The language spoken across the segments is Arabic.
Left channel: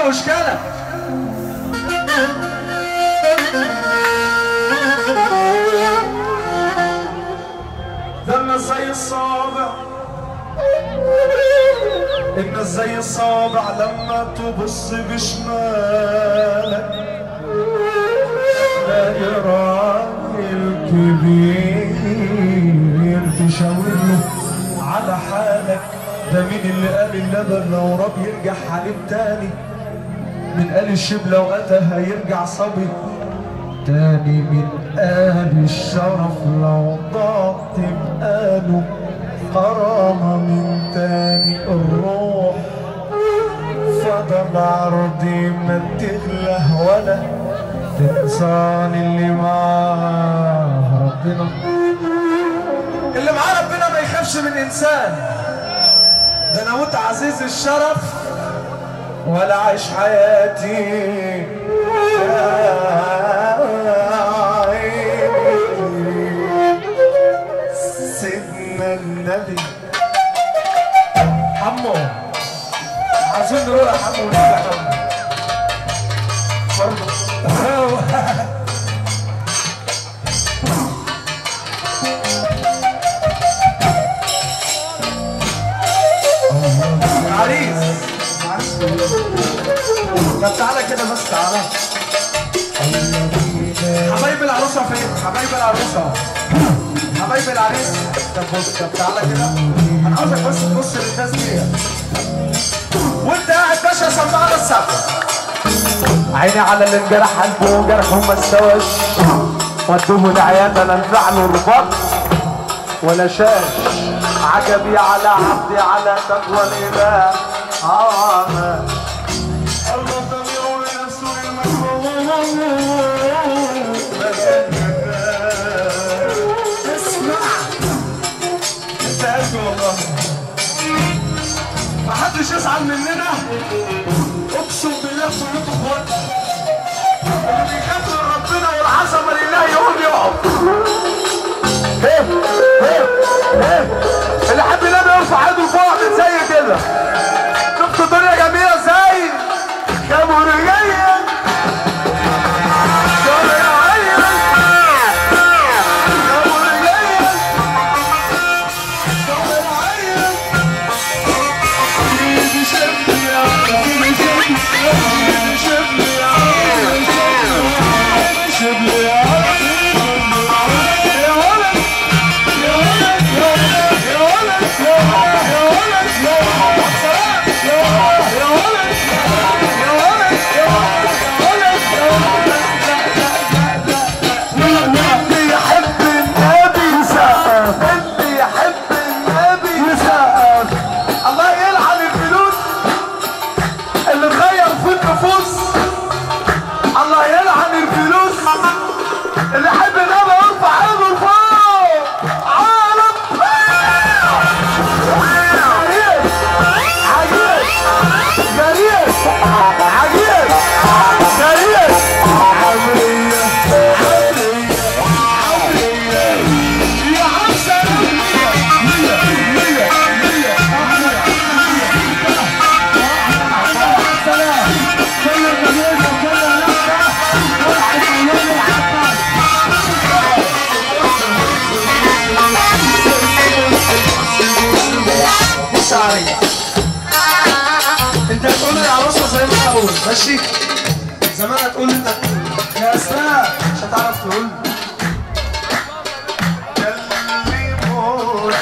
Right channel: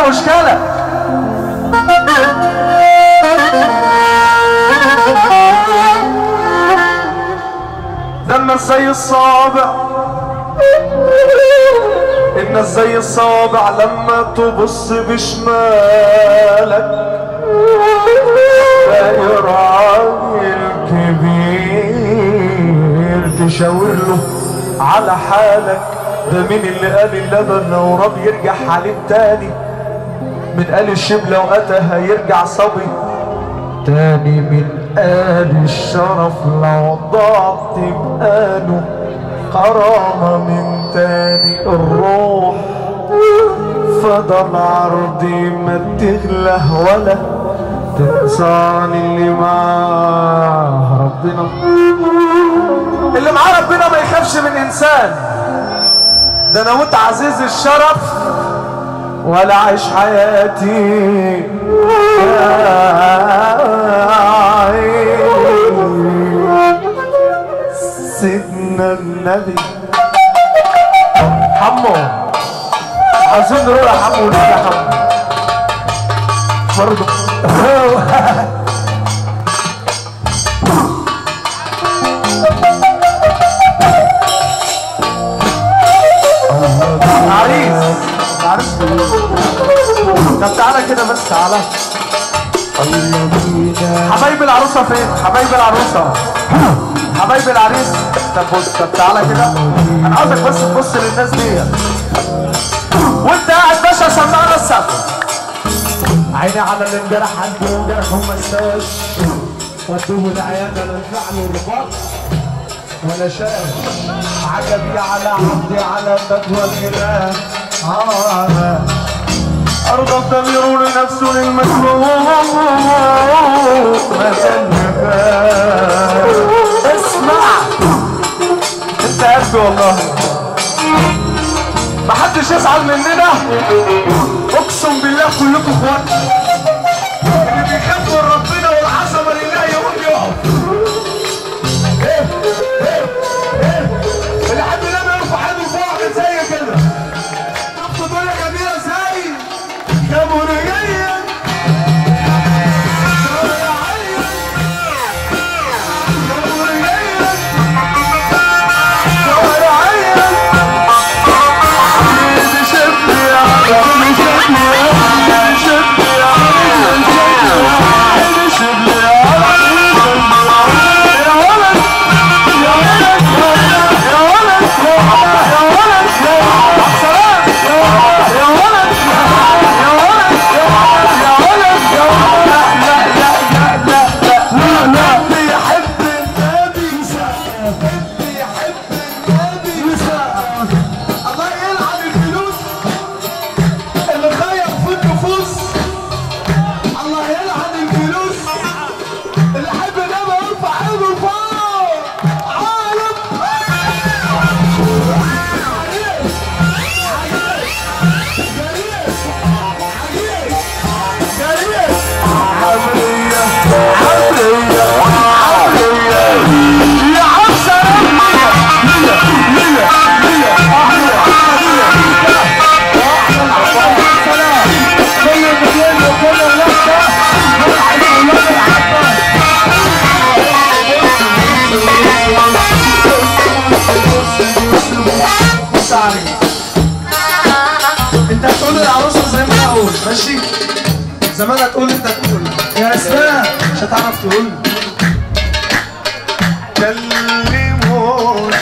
له مشكله. الناس زي الصابع، الناس زي الصابع لما تبص بشمالك تلاقي راجل كبير تشاور له على حالك. ده مين اللي قال اللبن لو راب يرجع حليب تاني؟ من قال الشبلة وقتها يرجع صبي تاني؟ من قال الشرف لو ضاعت بقاله كرامة من تاني؟ الروح فضل عرضي ما تغله ولا تنسان اللي معاه ربنا. اللي معاه ربنا ما يخافش من انسان. ده انا وانت عزيز الشرف ولا عيش حياتي سيدنا النبي. حمو عايزين نروح يا حمو ونيجي يا حمو برضه. عريس عريس. طب تعالى كده بس، تعالى. حبايب العروسه فين؟ حبايب العروسه، حبايب العريس. طب بص، طب تعالى كده، انا عاوزك بس تبص للناس دي وانت قاعد باشا. سمعنا السقف. عيني على اللي انجرح قلبه وجرحه ما استواش، ودوه العياده لا نفع له رباط ولا شاش. عجبي على عبدي على تقوى الاله ارضى تمير نفسه للمكروه. اسمع انت قد والله محدش يزعل مننا، اقسم بالله كلكم اخوات. اللي بيخاف من ربنا والعظمه لله يقول يقف. اللي حب ينام يرفع ايده فوق من زي كده. شفت الدنيا جميله ازاي؟ يا منيا انت هتقول للعروسه زي ما انا اقول ماشي؟ زمان هتقول انت تقول يا اسماء مش هتعرف تقول. كلموني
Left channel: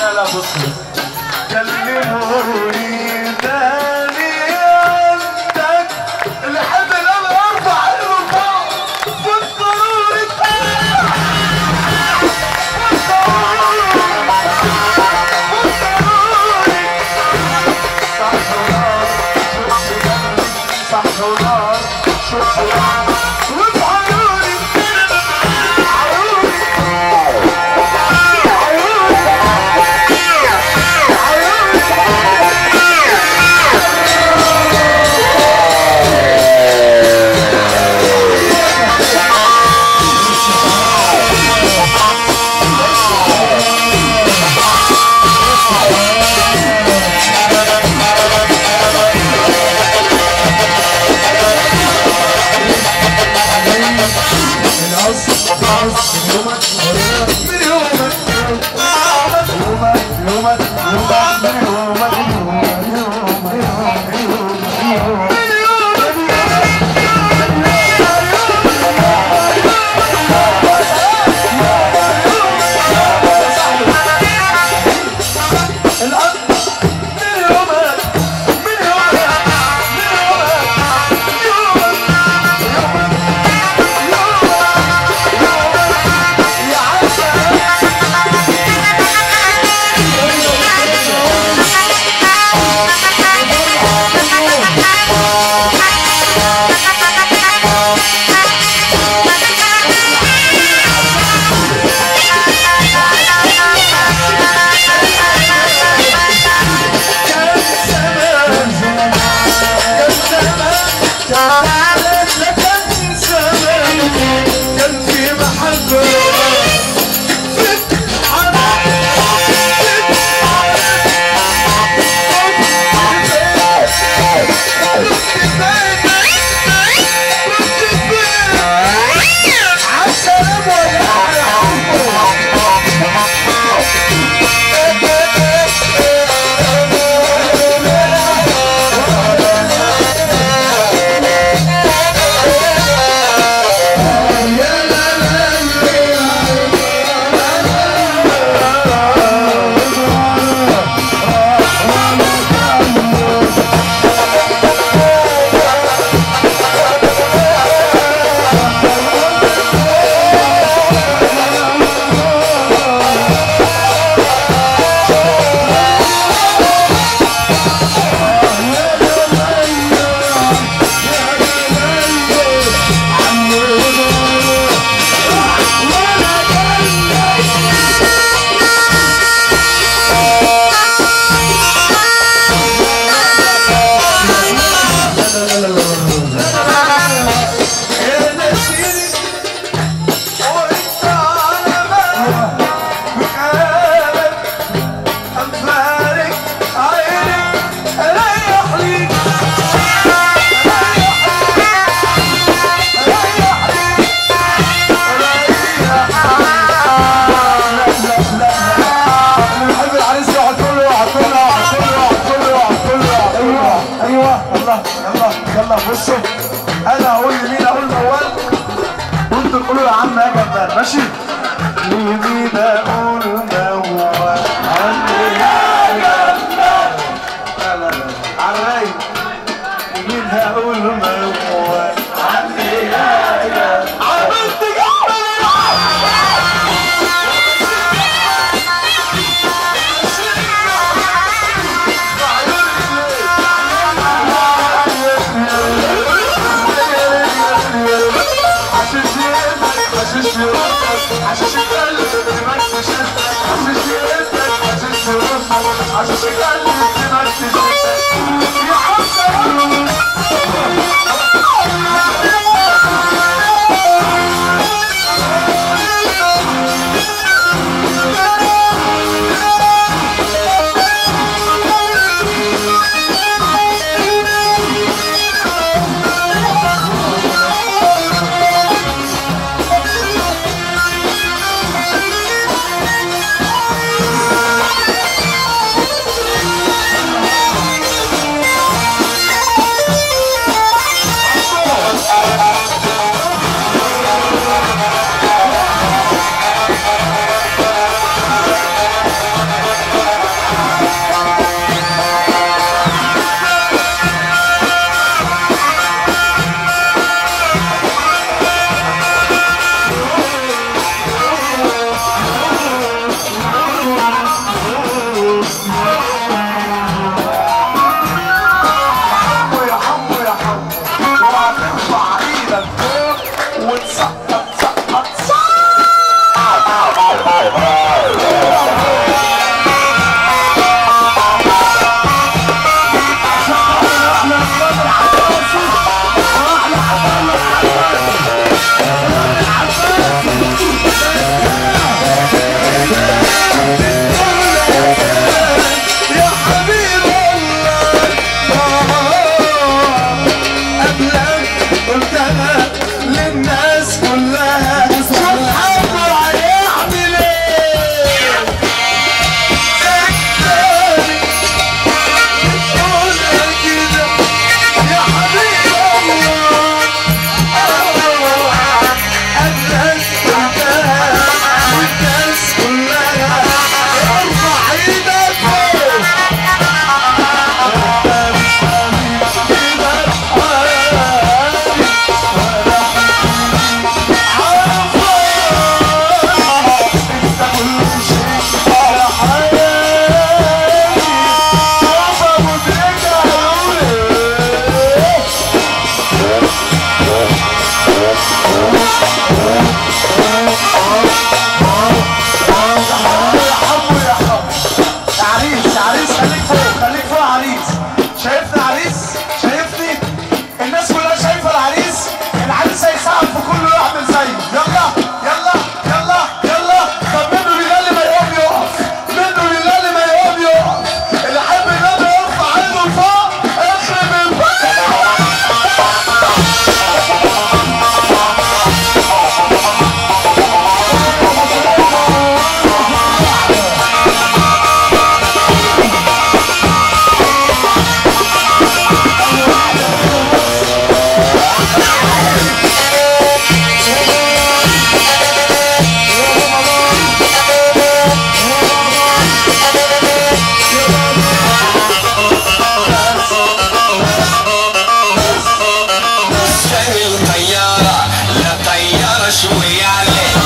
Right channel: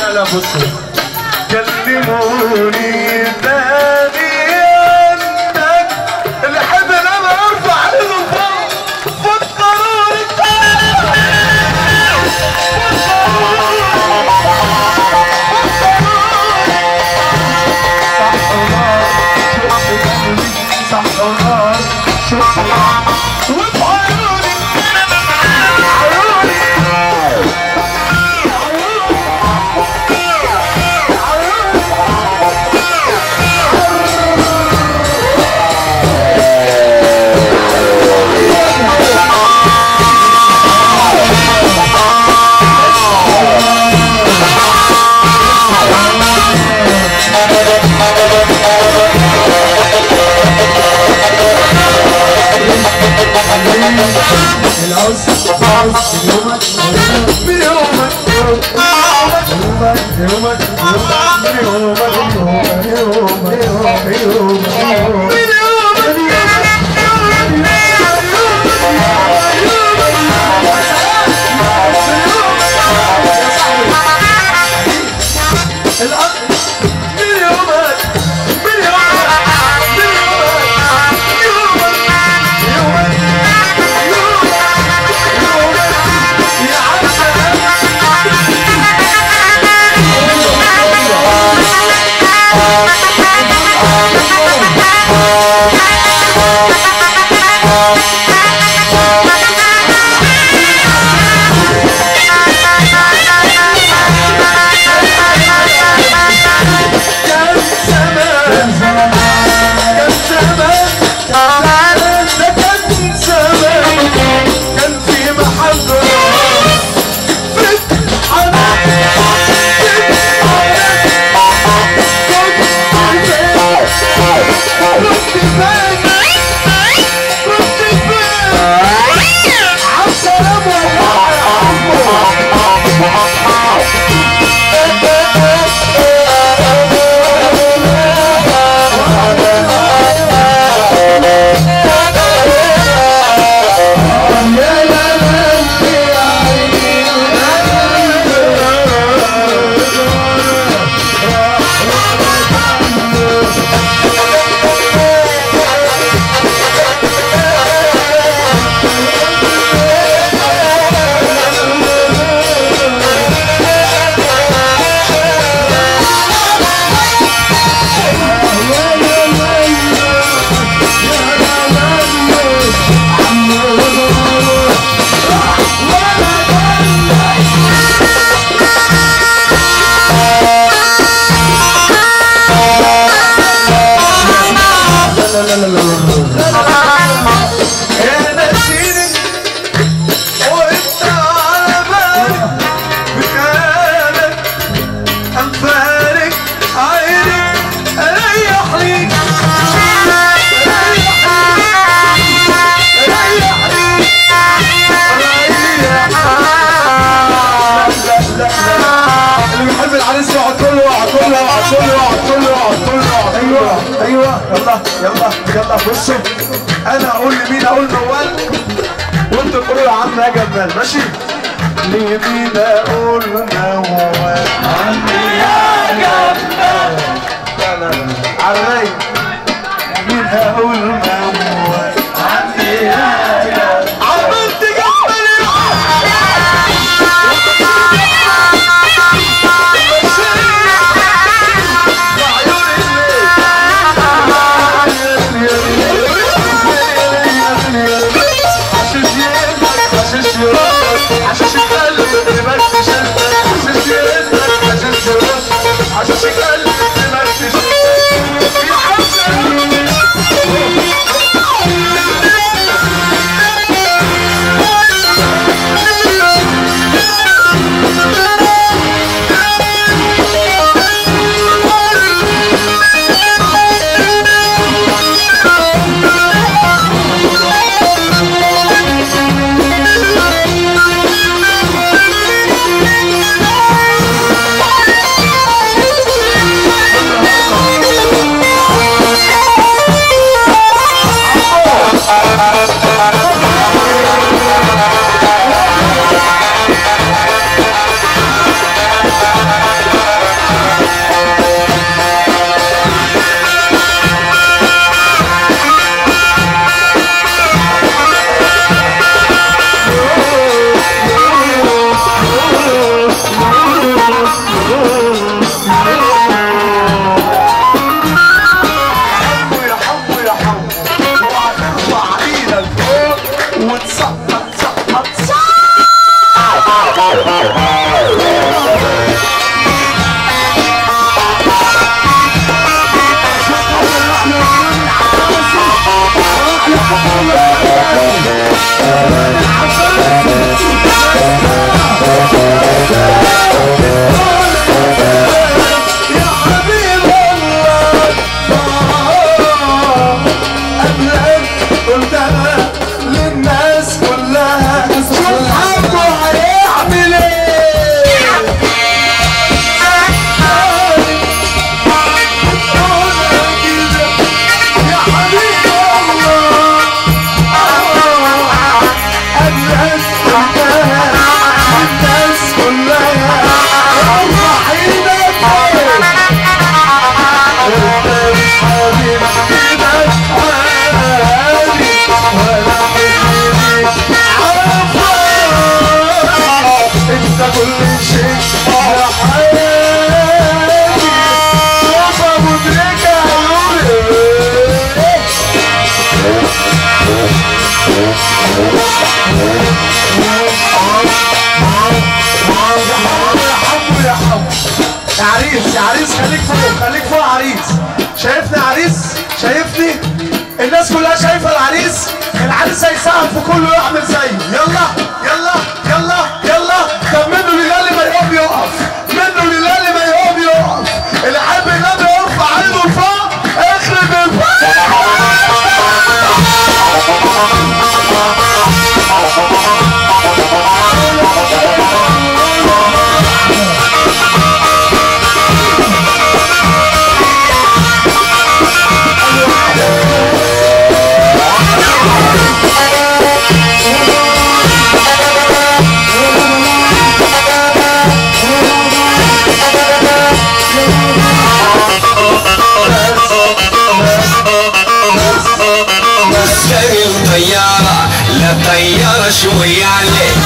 لا لا بصوا كلموني تاني انك اللي حد لما ارفع ايده فوق فكروني يلا يلا بصوا، انا اقول لمين؟ اقول نوال وانتوا تقولوا يا عم يا جمال، ماشي؟ لمين اقول نوال؟ يا جمال. لا لا لا على الرايق. مين هقول نوال؟ عني يا جمال. عملت جمال. عشان شغال بس عشان يقدر عشان شغال بس يا حسن. الناس كلها شايفه العريس هيسقف وكله يعمل زيه. يلا يلا يلا يلا. طب منه لله اللي ما يقوم يقف، منه لله اللي ما يقوم يقف. اللي حابب النبي يرفع ايده لفوق اخرج الفوق. شوية عليك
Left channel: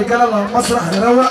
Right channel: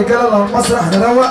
رجاله لو المسرح نروق.